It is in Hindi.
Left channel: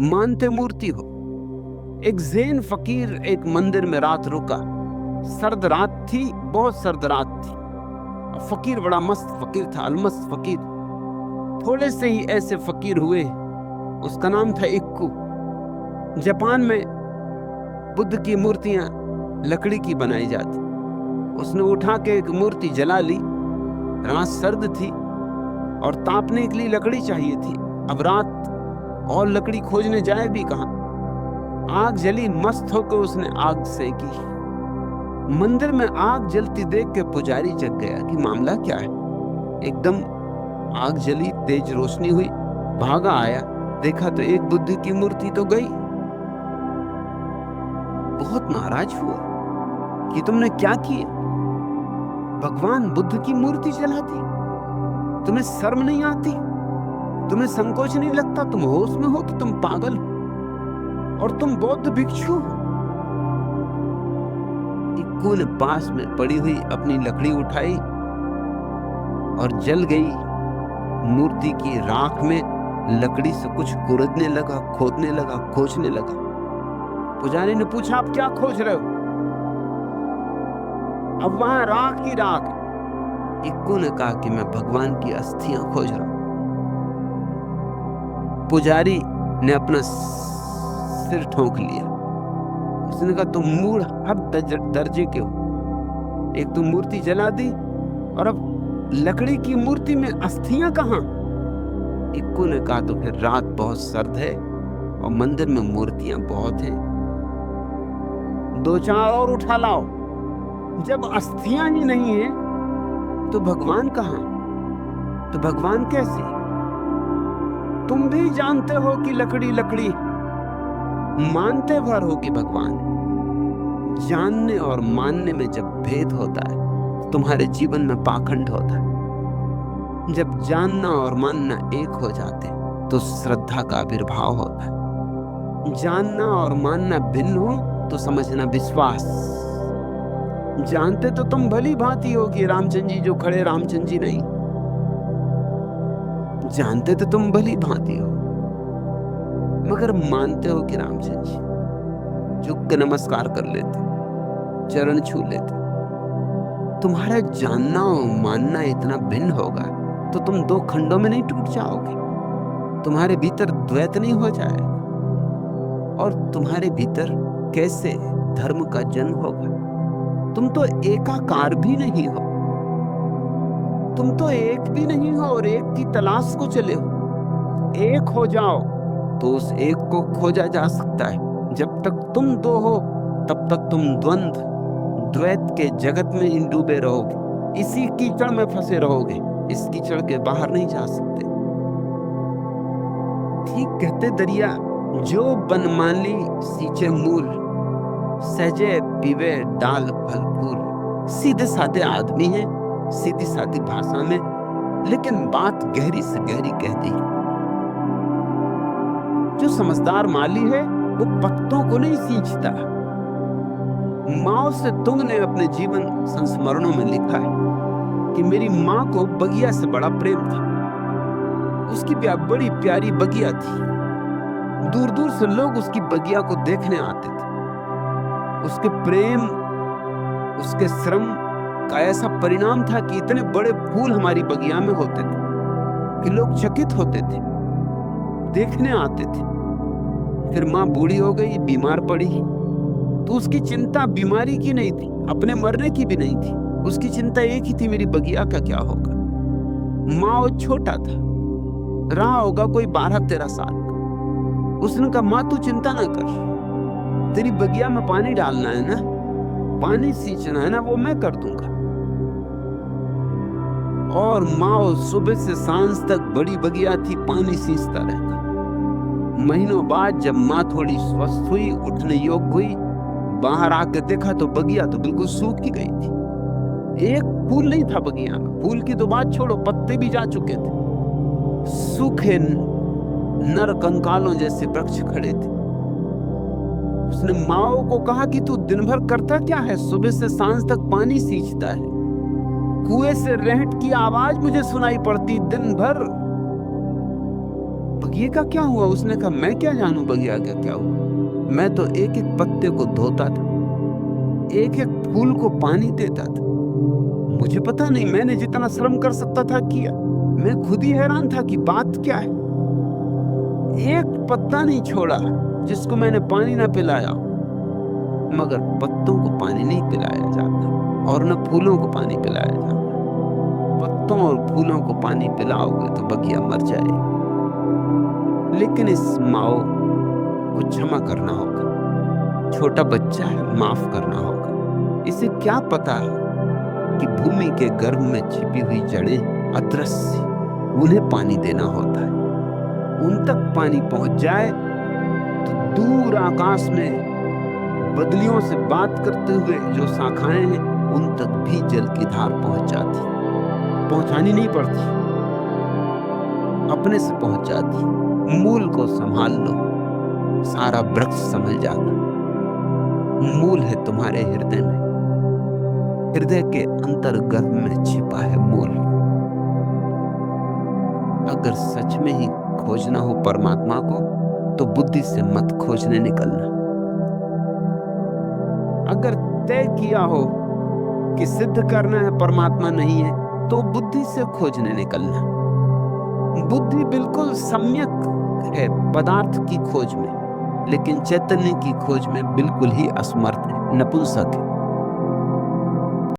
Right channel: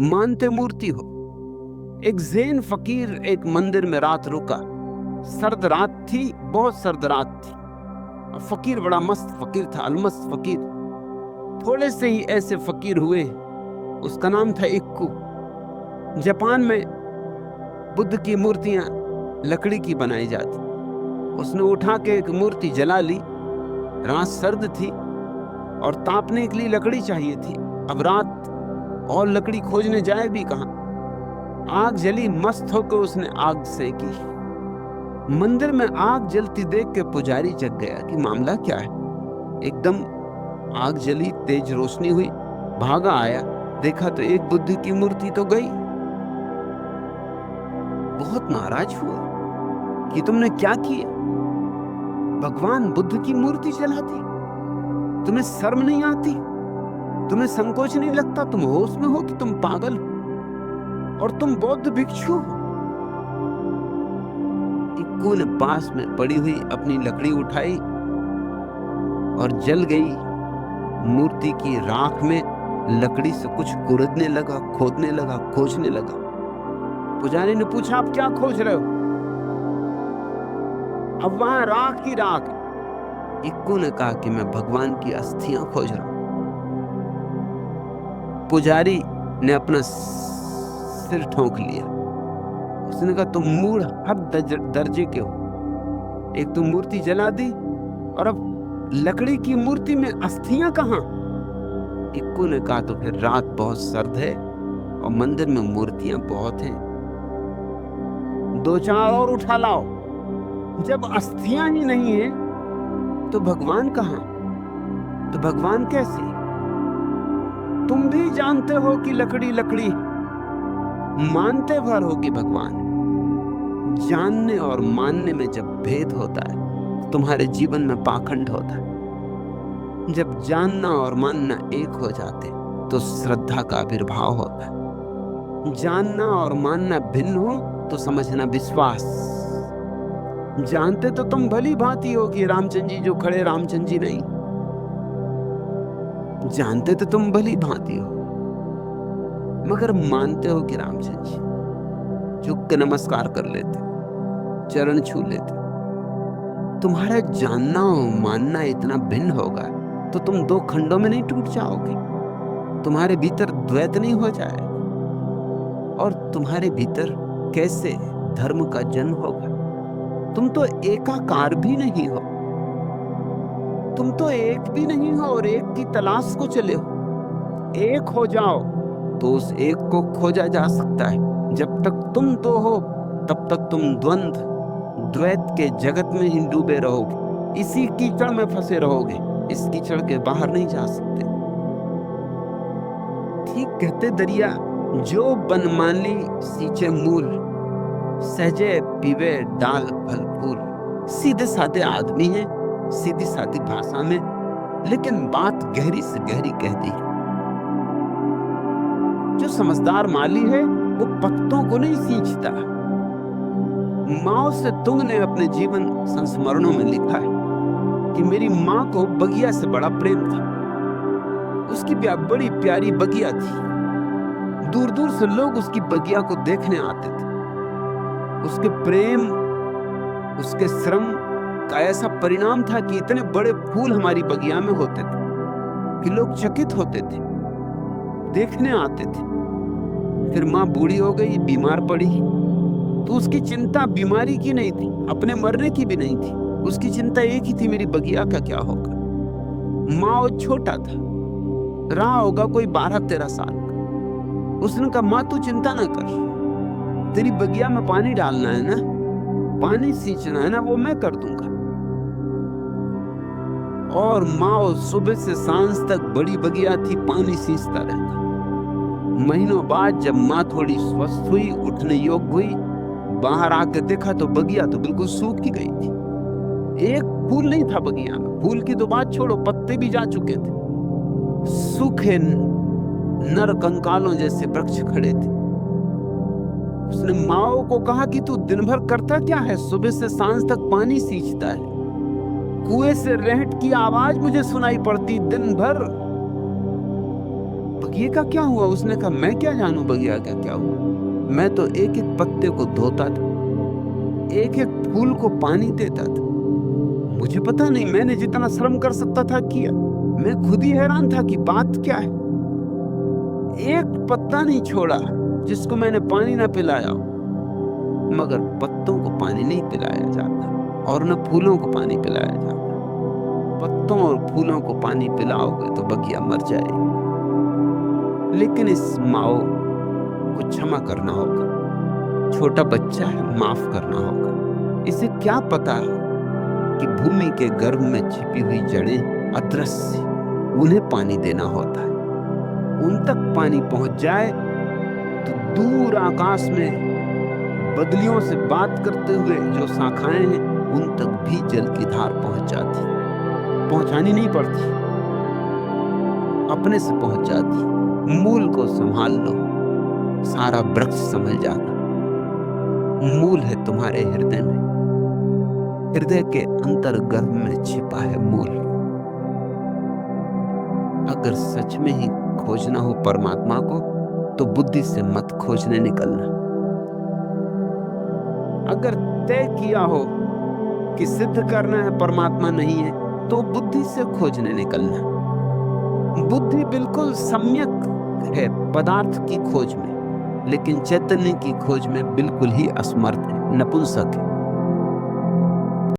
मानते मूर्ति हो। एक ज़ैन फकीर एक मंदिर में रात रुका। सर्द रात थी, बहुत सर्द रात थी। फकीर बड़ा मस्त फकीर था, अलमस्त फकीर। थोड़े से ही ऐसे फकीर हुए, उसका नाम था इक्कू। जापान में बुद्ध की मूर्तियां लकड़ी की बनाई जाती। उसने उठा के एक मूर्ति जला ली। रात सर्द थी और तापने के लिए लकड़ी चाहिए थी। अब रात और लकड़ी खोजने जाए भी कहां। आग जली, मस्त होकर उसने आग सेकी। मंदिर में आग जलती देख के पुजारी जग गया कि मामला क्या है। एकदम आग जली, तेज रोशनी हुई, भागा आया, देखा तो एक बुद्ध की मूर्ति तो गई। बहुत नाराज हुआ कि तुमने क्या किया। भगवान बुद्ध की मूर्ति जला दी। तुम्हें शर्म नहीं आती? तुम्हें संकोच नहीं लगता? तुम होश में हो कि तुम पागल हो? और तुम बौद्ध भिक्षु हो। इक्कू ने पास में पड़ी हुई अपनी लकड़ी उठाई और जल गई मूर्ति की राख में। लकड़ी से कुछ कुरेदने लगा, खोदने लगा, खोजने लगा। पुजारी ने पूछा, आप क्या खोज रहे हो? अब वहां राख की राख। इक्कू ने कहा कि मैं भगवान की अस्थियां खोज रहा हूं। पुजारी ने अपना सिर ठोंक लिया। उसने कहा, तुम मूढ़ हर दर्जे के हो। एक तो मूर्ति जला दी और अब लकड़ी की मूर्ति में अस्थियां कहां? इक्कू ने कहा, तो फिर रात बहुत सर्द है और मंदिर में मूर्तियां बहुत हैं, 2-4 और उठा लाओ। जब अस्थियां ही नहीं है तो भगवान कहां? तो भगवान कैसे? तुम भी जानते हो कि लकड़ी लकड़ी, मानते भर हो कि भगवान। जानने और मानने में जब भेद होता है तुम्हारे जीवन में पाखंड होता है। जब जानना और मानना एक हो जाते तो श्रद्धा का आविर्भाव होता है। जानना और मानना भिन्न हो तो समझना विश्वास। जानते तो तुम भली भांति हो कि रामचंद्र जी जो खड़े रामचंद्र जी नहीं। जानते तो तुम भली भांति हो, मगर मानते हो कि रामचंद्र जी। झुक के नमस्कार कर लेते, चरण छू लेते। तुम्हारा जानना और मानना इतना भिन्न होगा तो तुम 2 खंडों में नहीं टूट जाओगे। तुम्हारे भीतर द्वैत नहीं हो जाएगा और तुम्हारे भीतर कैसे धर्म का जन्म होगा। तुम तो एकाकार भी नहीं हो। तुम तो एक भी नहीं हो और एक की तलाश को चले हो। एक हो जाओ तो उस एक को खोजा जा सकता है। जब तक तुम 2 हो तब तक तुम द्वंद्व द्वैत के जगत में ही डूबे रहोगे। इसी कीचड़ में फंसे रहोगे। इस कीचड़ के बाहर नहीं जा सकते। ठीक कहते दरिया, जो बनमाली सींचे मूल, सहजे पीवे डाल फल फूल। सीधे साधे आदमी हैं, सीधी सादी भाषा में, लेकिन बात गहरी से गहरी कह दी। जो समझदार माली है वो पत्तों को नहीं सींचता। माओ से तुंग ने अपने जीवन संस्मरणों में लिखा है कि मेरी माँ को बगिया से बड़ा प्रेम था। उसकी बड़ी प्यारी बगिया थी। दूर दूर से लोग उसकी बगिया को देखने आते थे। उसके प्रेम, उसके श्रम का ऐसा परिणाम था कि इतने बड़े फूल हमारी बगिया में होते थे कि लोग चकित होते थे, देखने आते थे। फिर माँ बूढ़ी हो गई, बीमार पड़ी, तो उसकी चिंता बीमारी की नहीं थी, अपने मरने की भी नहीं थी। उसकी चिंता एक ही थी, मेरी बगिया का क्या होगा। माँ छोटा था, रहा होगा कोई 12-13 साल का। उसने कहा, माँ तू चिंता ना कर, तेरी बगिया में पानी डालना है ना, पानी सींचना है ना, वो मैं कर दूंगा। और माँ सुबह से सांझ तक बड़ी बगिया थी, पानी सींचता रहता। महीनों बाद जब माँ थोड़ी स्वस्थ हुई, उठने योग्य हुई, बाहर आकर देखा तो बगिया तो बिल्कुल सूख ही गई थी। एक फूल नहीं था बगिया में। फूल की तो बात छोड़ो, पत्ते भी जा चुके थे। सूखे नर कंकालों जैसे वृक्ष खड़े थे। उसने माओ को कहा कि तू दिन भर करता क्या है? सुबह से सांझ तक पानी सींचता है, कुएं से रेहट की आवाज मुझे सुनाई पड़ती दिन भर। बगिए का क्या हुआ? उसने कहा, मैं क्या जानूं बगिया का क्या हुआ, मैं तो एक एक पत्ते को धोता था, एक एक फूल को पानी देता था। मुझे पता नहीं, मैंने जितना श्रम कर सकता था किया। मैं खुद ही हैरान था कि बात क्या है। एक पत्ता नहीं छोड़ा जिसको मैंने पानी ना पिलाया हो। मगर पत्तों को पानी नहीं पिलाया जाता और न फूलों को पानी पिलाया जाता। पत्तों और फूलों को पानी पिलाओगे तो बगिया मर जाए। लेकिन इस माओ को क्षमा करना होगा। छोटा बच्चा है, माफ करना होगा। इसे क्या पता कि भूमि के गर्भ में छिपी हुई जड़ें अदृश्य, उन्हें पानी देना होता है। उन तक पानी पहुंच जाए तो दूर आकाश में बदलियों से बात करते हुए जो शाखाएं हैं, उन तक भी जल की धार पहुंच जाती, पहुंचानी नहीं पड़ती, अपने से पहुंच जाती। मूल को संभाल लो, सारा वृक्ष संभल जाता। मूल है तुम्हारे हृदय में, हृदय के अंतर्गर्भ में छिपा है मूल। अगर सच में ही खोजना हो परमात्मा को तो बुद्धि से मत खोजने निकलना। अगर तय किया हो कि सिद्ध करना है परमात्मा नहीं है, तो बुद्धि से खोजने निकलना। बुद्धि बिल्कुल सम्यक है पदार्थ की खोज में, लेकिन चैतन्य की खोज में बिल्कुल ही असमर्थ है, नपुंसक है।